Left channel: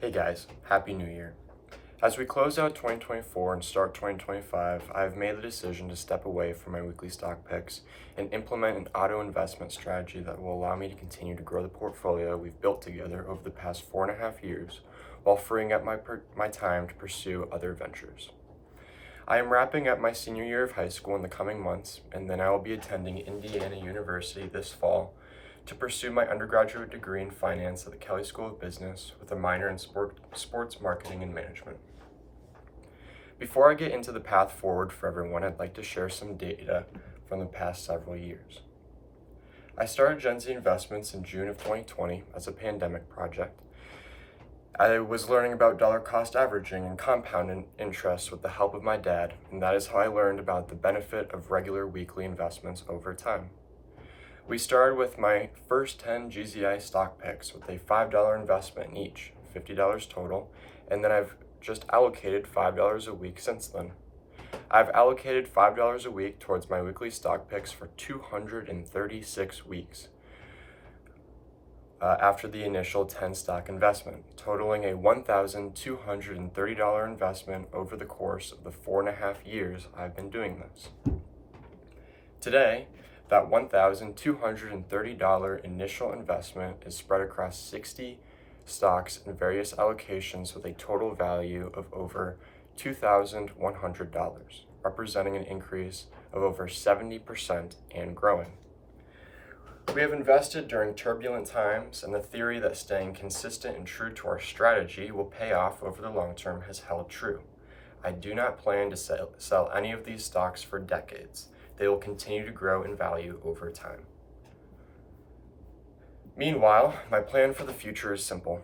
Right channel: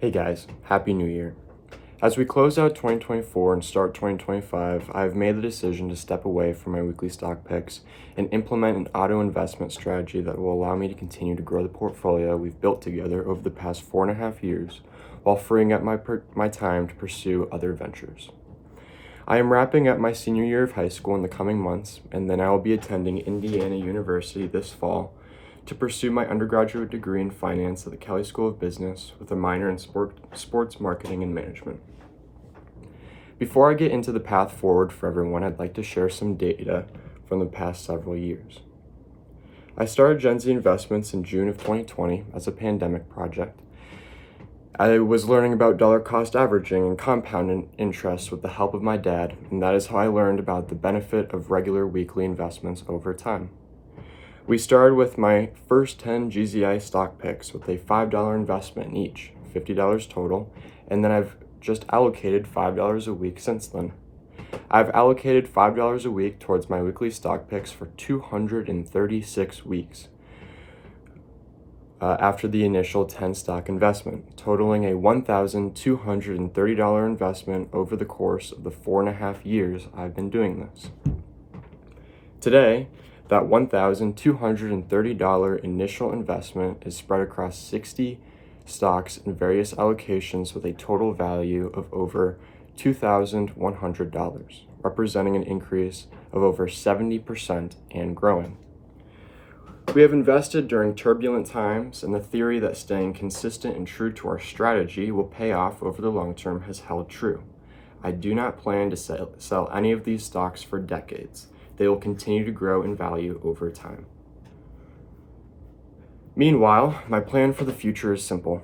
Hey guys, Happy New Year. As we close out 2024 and start 2025, I have made the decision to step away from my weekly stock picks and implement an auto investment strategy that will allow me to continue to grow the portfolio we've built together over the past 4.5 years while freeing up my time to pursue other ventures. I am wrapping up my senior year of high school in the coming months, and then I will be attending Indiana University this fall to pursue my undergraduate degree in finance at the Kelley School of Business with a minor in sports marketing and management. Before I get into the path forward for everyone, I'd like to share some data from the past several years. I started Gen Z Investments in June of 2020 as a pandemic project. I was learning about dollar cost averaging and compound interest with the help of my dad, and that is how I learned about the benefit of regular weekly investments over time. We started with my first 10 GZI stock picks with a $5 investment in each, $50 total, and then I've just allocated $5 a week since then. I've allocated $5 a week towards my weekly stock picks for 236 weeks after the initial 10 stock investment, totaling a $1,230 investment over the course of the 4.5 years I've been doing this. Today, that $1,230 initial investment is spread across 60 stocks in various allocations with a total value of over $2,100, representing an increase of over 70% and growing. We have invested during turbulent times, and the theory that staying consistent and true to our strategy will pay off over the long term has held true. I do not plan to sell any of these stocks for decades. They will continue to grow in value over time. Meanwhile, my plan for the future is simple.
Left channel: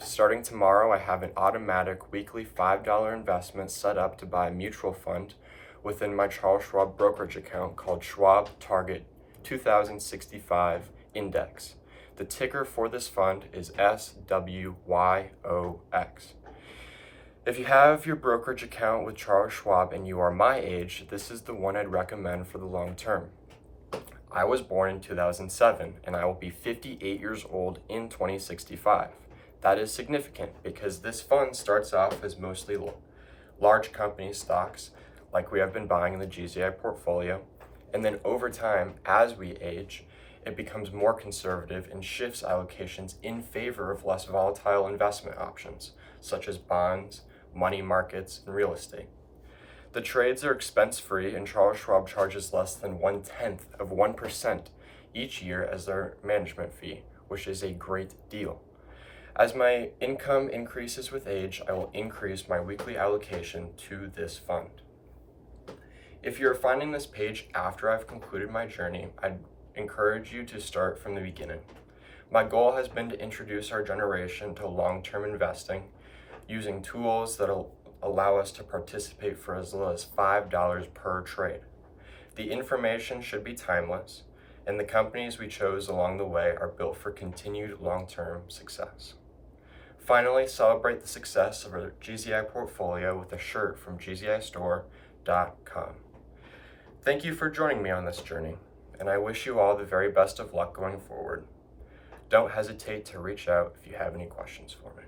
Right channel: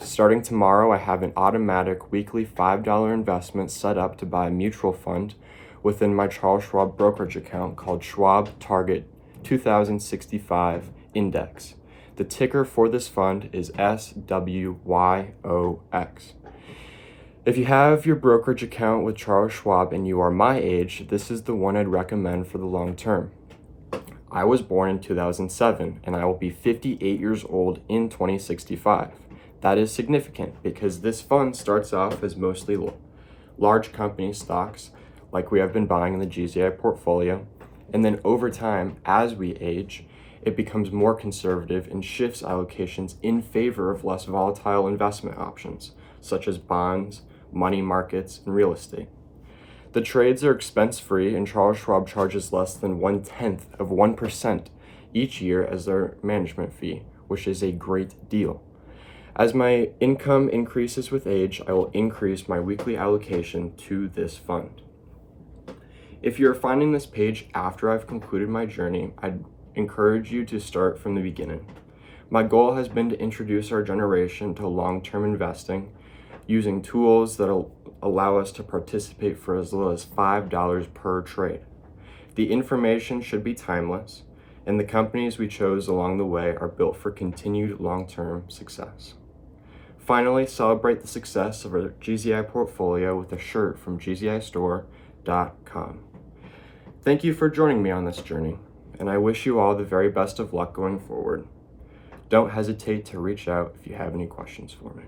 Starting tomorrow, I have an automatic weekly $5 investment set up to buy a mutual fund within my Charles Schwab brokerage account called Schwab Target 2065 Index. The ticker for this fund is SWYOX. If you have your brokerage account with Charles Schwab and you are my age, this is the one I'd recommend for the long term. I was born in 2007 and I will be 58 years old in 2065. That is significant because this fund starts off as mostly large company stocks like we have been buying in the GZI portfolio, and then over time, as we age, it becomes more conservative and shifts allocations in favor of less volatile investment options, such as bonds, money markets, and real estate. The trades are expense-free, and Charles Schwab charges less than 0.1% each year as their management fee, which is a great deal. As my income increases with age, I will increase my weekly allocation to this fund. If you're finding this page after I've concluded my journey, I'd encourage you to start from the beginning. My goal has been to introduce our generation to long-term investing using tools that allow us to participate for as little as $5 per trade. The information should be timeless, and the companies we chose along the way are built for continued long-term success. Finally, celebrate the success of our GZI portfolio with a shirt from gzistore.com. Thank you for joining me on this journey, and I wish you all the very best of luck going forward. Don't hesitate to reach out if you have any questions for me.